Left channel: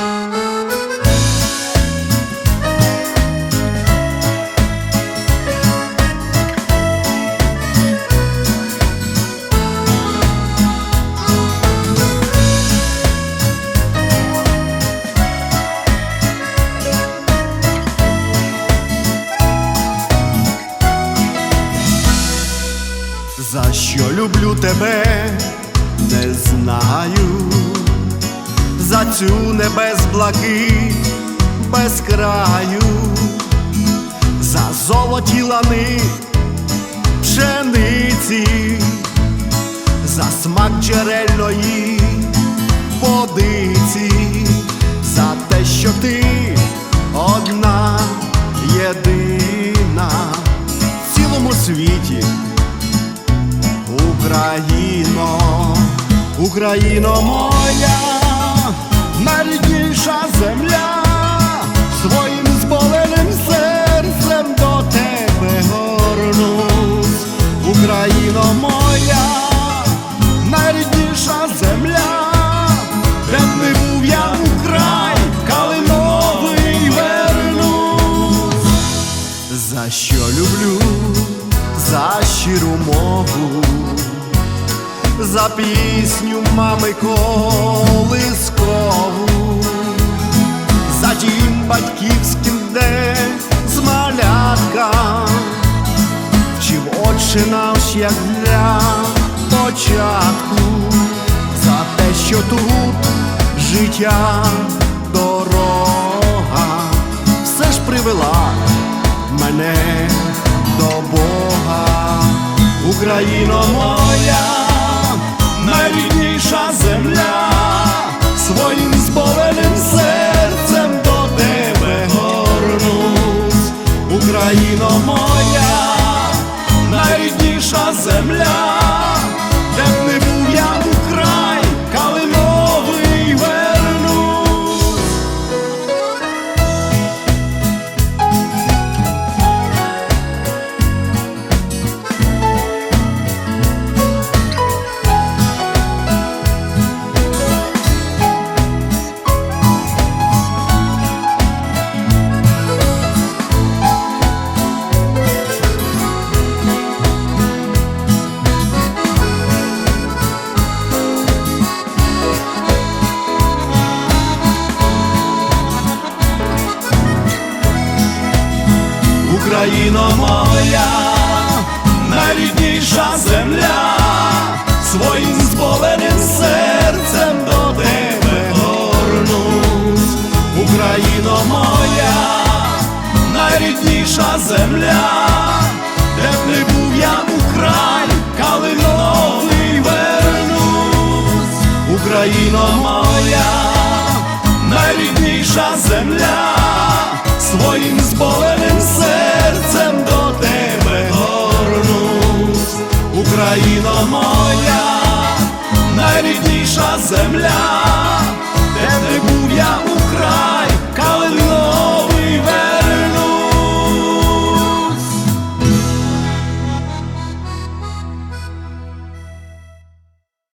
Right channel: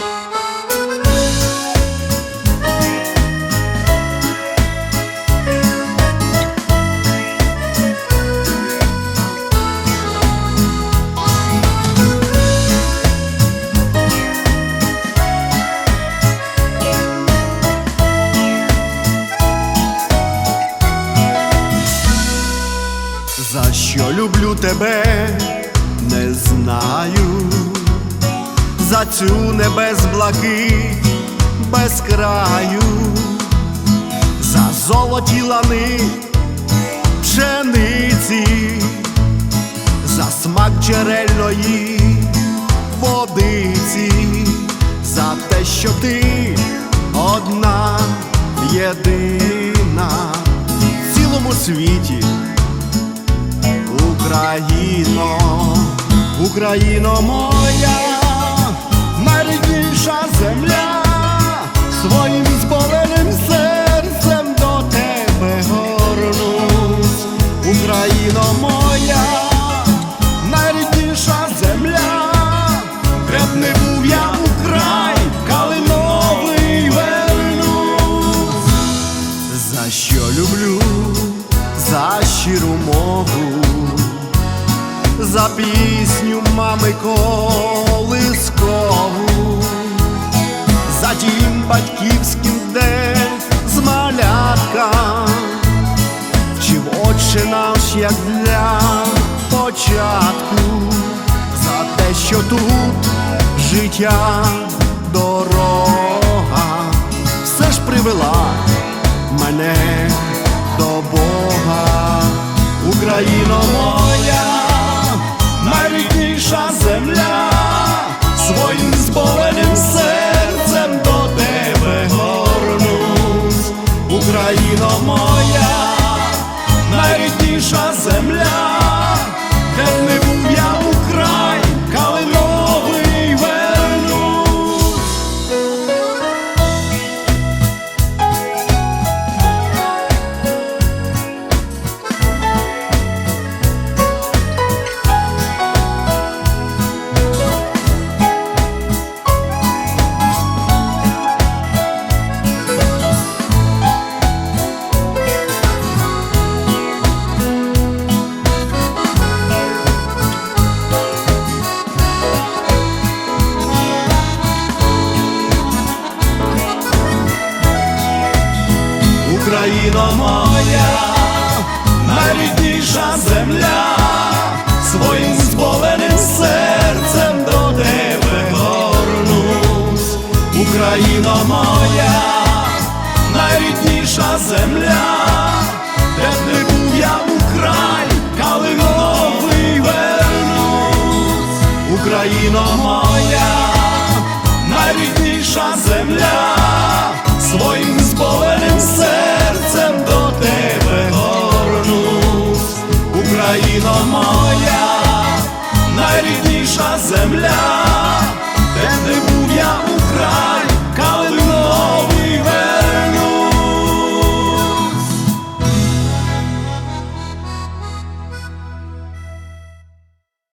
За що люблю тебе, не знаю, за цю небес блакить без краю, за золоті лани пшениці, за смак джерельної водиці, за те, що ти одна єдина в цілому світі. Україно, Україно моя, найрідніша земля, своїм зболеним серцем до тебе горнусь, Україно моя, найрідніша земля, де б не був я у край, калиновий вернусь. За що люблю, за щиру мову, за пісню мами колискову, за дім батьківським, де з малятка. Вчив отче наш, як для початку, за те, що тут життя дорога, все ж привела мене до Бога, Україно моя, найрідніша земля, своїм зболеним серцем до тебе горнусь, Україно моя, найрідніша земля, де б не був я Україно моя, найрідніша земля, своїм зболеним серцем до тебе горнусь, Україно моя, найрідніша земля, де б не був я у край, калиновий вернусь, Україно моя, тебе горнусь, Україно моя, найрідніша земля, де був я